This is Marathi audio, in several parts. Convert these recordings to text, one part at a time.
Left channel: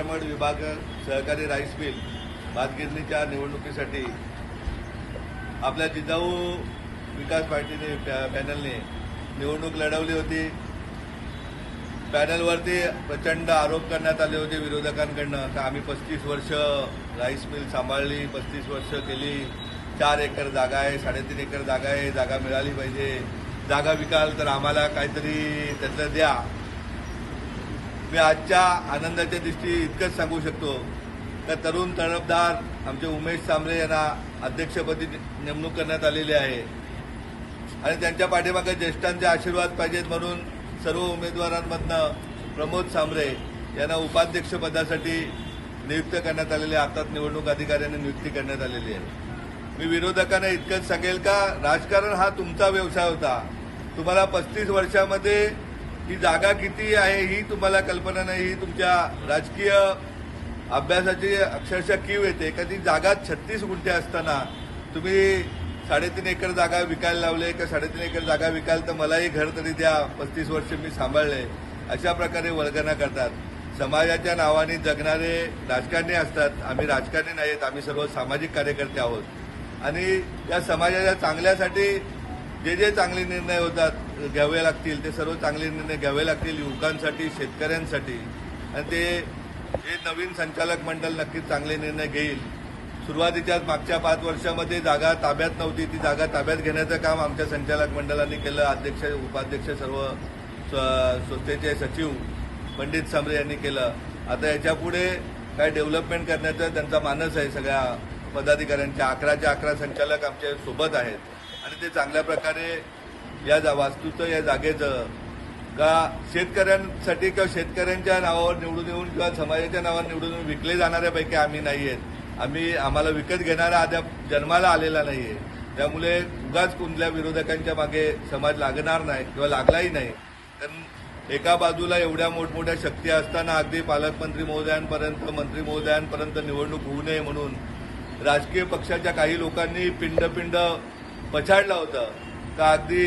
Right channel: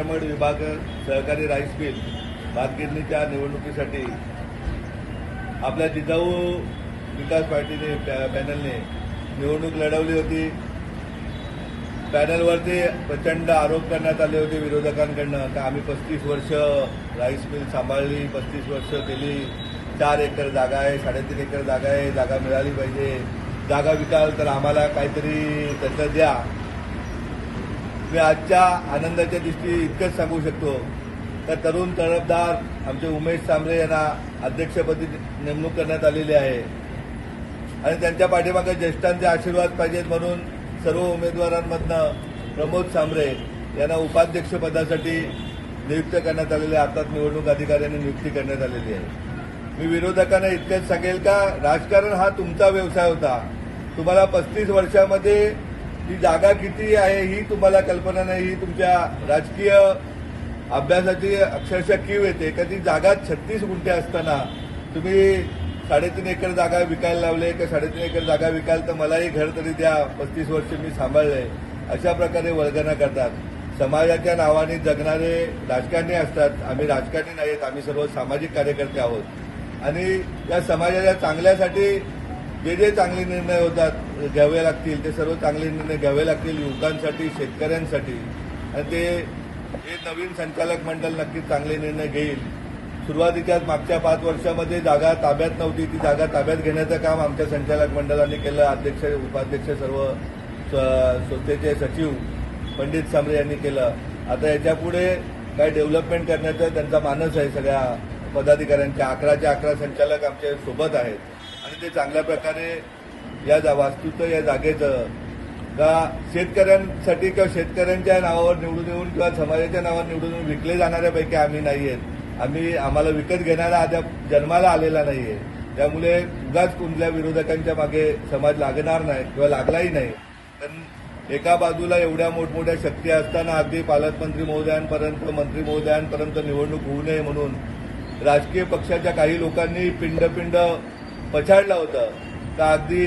अतिक्रमण विभाग सहकारी राईस मिल भातगिरणीच्या निवडणुकीसाठी आपल्या जिजाऊ विकास पार्टीने पॅनलने निवडणूक लढवली होती. पॅनलवरती प्रचंड आरोप करण्यात आले होते विरोधकांकडनं. का आम्ही पस्तीस वर्ष राईस मिल सांभाळली पस्तीस वर्ष केली. चार एकर जागा आहे साडेतीन एकर जागा आहे जागा मिळाली पाहिजे. जागा विकाल तर आम्हाला काहीतरी त्यांना द्या. मी आजच्या आनंदाच्या दृष्टी इतकंच सांगू शकतो. तर तरुण तळपदार आमचे उमेश सांबरे यांना अध्यक्षपदी नेमणूक करण्यात आलेली आहे. आणि त्यांच्या पाठीमागे ज्येष्ठांचे आशीर्वाद पाहिजेत म्हणून सर्व उमेदवारांमधनं प्रमोद सांबरे यांना उपाध्यक्षपदासाठी नियुक्त करण्यात आलेले आहे. निवडणूक अधिकाऱ्यांनी नियुक्ती करण्यात आलेली आहे. मी विरोधकांना इतकंच सांगेल का राजकारण हा तुमचा व्यवसाय होता. तुम्हाला पस्तीस वर्षामध्ये ही जागा किती आहे ही तुम्हाला कल्पना नाही ही तुमच्या राजकीय अभ्यासाची अक्षरशः कीव येते. का ती जागा छत्तीस गुंठे असताना तुम्ही साडेतीन एकर जागा विकायला लावले का साडेतीन एकर जागा विकायला तर मलाही घर तरी द्या पस्तीस वर्ष मी सांभाळले. अशा प्रकारे वल्गना करतात. समाजाच्या नावाने जगणारे राजकारणी असतात. आम्ही राजकारणी नाहीत आम्ही सर्व सामाजिक कार्यकर्ते आहोत. आणि या समाजाच्या चांगल्यासाठी जे जे चांगले निर्णय होतात घ्यावे लागतील ते सर्व चांगले निर्णय घ्यावे लागतील युवकांसाठी शेतकऱ्यांसाठी. आणि ते हे नवीन संचालक मंडळ नक्कीच चांगले निर्णय घेईल. सुरुवातीच्या मागच्या पाच वर्षामध्ये जागा ताब्यात नव्हती ती जागा ताब्यात घेण्याचं काम आमच्या संचालक मंडळाने केलं. अध्यक्ष उपाध्यक्ष सर्व स- संस्थेचे सचिव पंडित सांबरे यांनी केलं. आता याच्यापुढे काय डेव्हलपमेंट करण्याचा त्यांचा मानस आहे सगळ्या पदाधिकाऱ्यांच्या. अकराच्या अकरा संचालक आमच्यासोबत आहेत. आणि ते चांगल्या प्रकारे या जा- वास्तूचं या जागेचं. का शेतकऱ्यांसाठी किंवा शेतकऱ्यांच्या नावावर निवडून येऊन किंवा समाजाच्या नावावर निवडून येऊन विकले जाणाऱ्यापैकी आम्ही नाही आहेत. आम्ही आम्हाला विकत घेणारा अद्याप जन्माला आलेला नाही आहे. त्यामुळे उगाच कुठल्या विरोधकांच्या मागे समाज लागणार नाही किंवा लागलाही नाही. कारण एका बाजूला एवढ्या मोठमोठ्या शक्ती असताना अगदी पालकमंत्री महोदयांपर्यंत मंत्री महोदयांपर्यंत निवडणूक होऊ नये म्हणून राजकीय पक्षाच्या काही लोकांनी पिंड पिंड पछाडलं होतं. का अगदी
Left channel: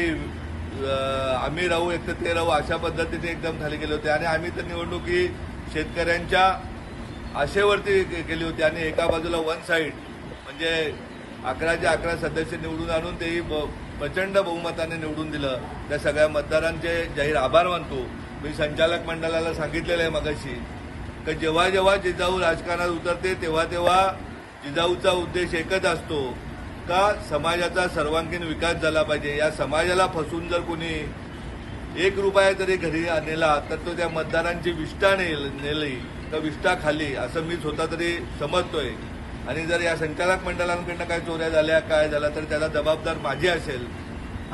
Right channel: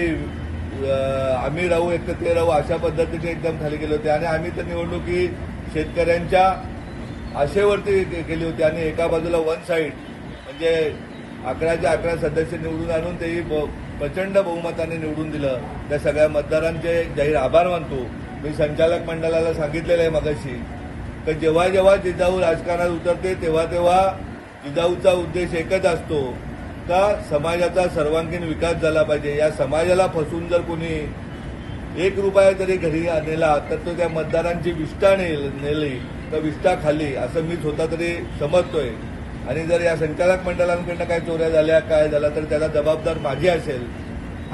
आम्ही राहू एक ते राहू अशा पद्धतीने एकदम खाली गेले होते. आणि आम्ही तर निवडणूक ही शेतकऱ्यांच्या आशेवरती के- केली होती. आणि एका बाजूला वन साईड म्हणजे अकराचे अकरा सदस्य निवडून आणून तेही ब- प्रचंड बहुमताने निवडून दिलं. त्या सगळ्या मतदारांचे जाहीर आभार मानतो. मी संचालक मंडळाला सांगितलेलं आहे मगाशी तर जेव्हा जेव्हा जिजाऊ राजकारणात उतरते तेव्हा तेव्हा जिजाऊचा उद्देश एकच असतो का समाजाचा सर्वांगीण विकास झाला पाहिजे. या समाजाला फसून जर कोणी एक रुपया जरी घरी नेला तर तो त्या मतदारांची विष्ठा नेली तर विष्ठा खाली असं मी स्वतः तरी समजतोय. आणि जर या संचालक मंडळांकडनं काय चोऱ्या झाल्या काय झालं तर त्याला जबाबदार माझी असेल.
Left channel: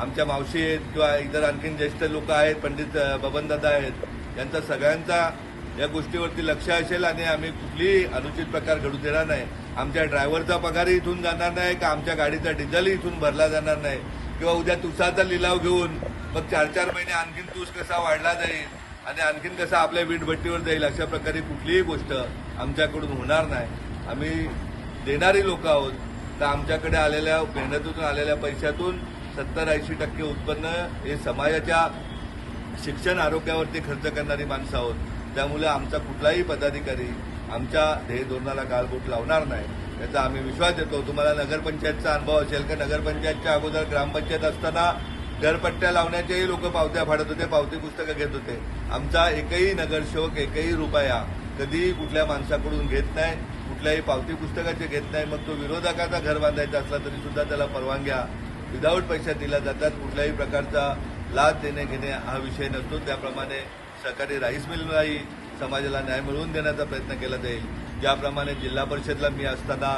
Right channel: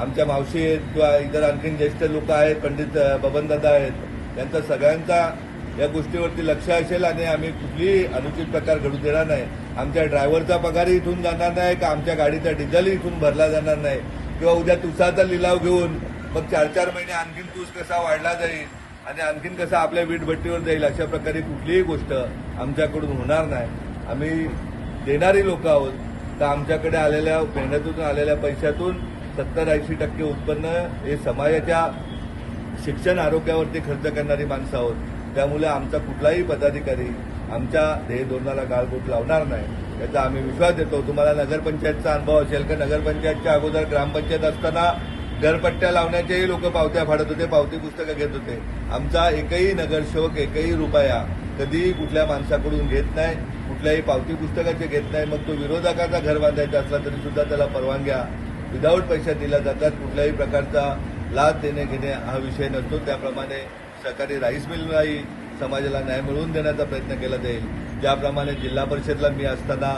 आमच्या मावशी आहेत किंवा इतर आणखीन ज्येष्ठ लोक आहेत पंडित बबनदादा आहेत. त्यांचा सगळ्यांचा या गोष्टीवरती लक्ष असेल आणि आम्ही कुठलीही अनुचित प्रकार घडू देणार नाही. आमच्या ड्रायव्हरचा पगारही इथून जाणार नाही का आमच्या गाडीचा डिझेलही इथून भरला जाणार नाही. किंवा उद्या तुसाचा लिलाव घेऊन मग चार चार महिने आणखीन तूस कसा वाढला जाईल आणि आणखीन कसा आपल्या वीटभट्टीवर जाईल अशा प्रकारे कुठलीही गोष्ट आमच्याकडून होणार नाही. आम्ही देणारी लोक आहोत. तर आमच्याकडे आलेल्या मेहनतीतून आलेल्या पैशातून सत्तर ऐंशी टक्के उत्पन्न हे समाजाच्या शिक्षण आरोग्यावरती खर्च करणारी माणसं आहोत. त्यामुळे आमचा कुठलाही पदाधिकारी आमच्या ध्येयधोरणाला गाळबोट लावणार नाही याचा आम्ही विश्वास देतो. तुम्हाला नगरपंचायतचा अनुभव असेल तर नगरपंचायतच्या अगोदर ग्रामपंचायत असताना दरपट्ट्या लावण्याचेही लोक पावत्या फाडत होते पावती पुस्तकं घेत होते. आमचा एकही नगरसेवक एकही रुपया कधीही कुठल्या माणसाकडून घेत नाही कुठल्याही पावती पुस्तकाचे घेत नाही. मग तो विरोधकाचा घर बांधायचा असला तरी सुद्धा त्याला परवानग्या विदाऊट पैसा दिल्या जातात. कुठल्याही प्रकारचा लाच देणे घेणे हा विषय नसतो. त्याप्रमाणे सकाळी राईस मिललाही समाजाला न्याय मिळवून देण्याचा प्रयत्न केला जाईल ज्याप्रमाणे जिल्हा परिषदला मी असताना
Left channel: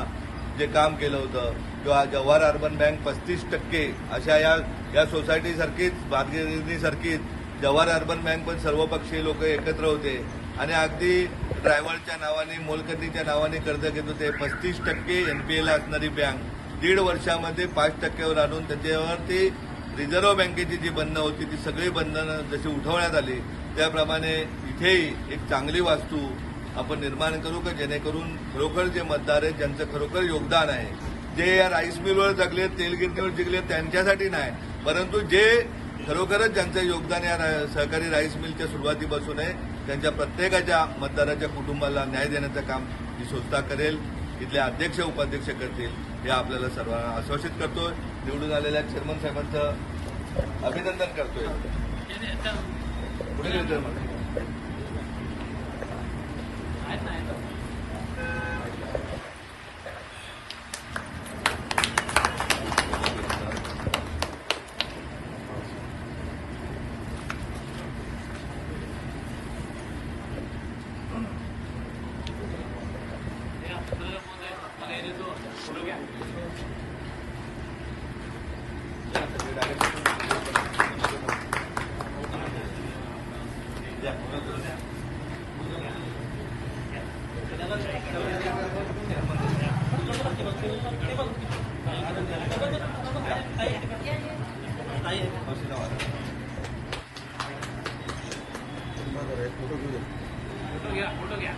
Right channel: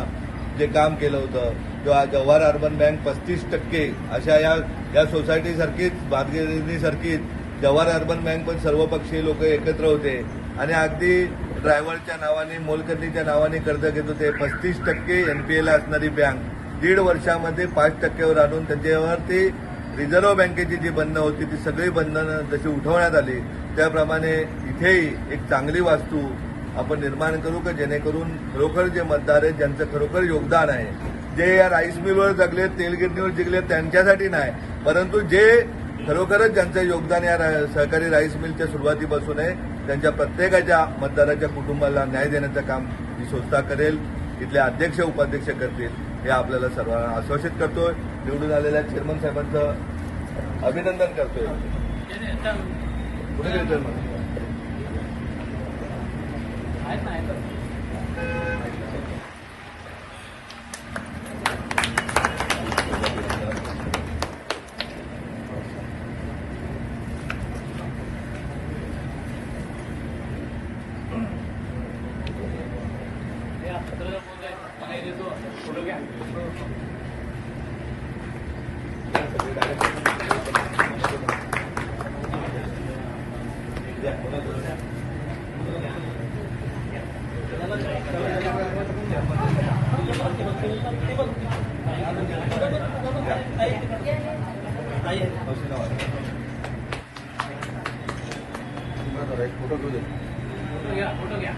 जे काम केलं होतं किंवा जव्हार अर्बन बँक पस्तीस टक्के अशा या या सोसायटीसारखीच भारतीय जव्हार अर्बन बँक पण सर्वपक्षीय लोक एकत्र होते. आणि अगदी ड्रायव्हरच्या नावाने मोलकर्णीच्या नावाने कर्ज घेत होते. पस्तीस टक्के एनपीएला असणारी बँक दीड वर्षामध्ये पाच टक्क्यावर आणून त्यांच्यावरती रिझर्व्ह बँकेची जी बंधनं होती ती सगळी बंधनं जशी उठवण्यात आली त्याप्रमाणे इथेही एक चांगली वास्तू आपण निर्माण करू का? जेणेकरून खरोखर जे मतदार आहेत ज्यांचं खरोखर योगदान आहे जे या राईस मिलवर जगले तेलगिरणीवर जिंकले त्यांच्यासाठी नाही परंतु जे खरोखरच ज्यांचं योगदान या सहकारी राईस मिलच्या सुरुवातीपासून आहे त्यांच्या प्रत्येकाच्या मतदाराच्या कुटुंबाला न्याय देण्याचं काम ही संस्था करेल. इथले अध्यक्ष उपाध्यक्ष करतील. हे आपल्याला सर्वांना आश्वासित करतोय. निवडून आलेल्या चेअरमन साहेबांचं अभिनंदन करतोय. पुढे फोटो घ्या फोटो घ्या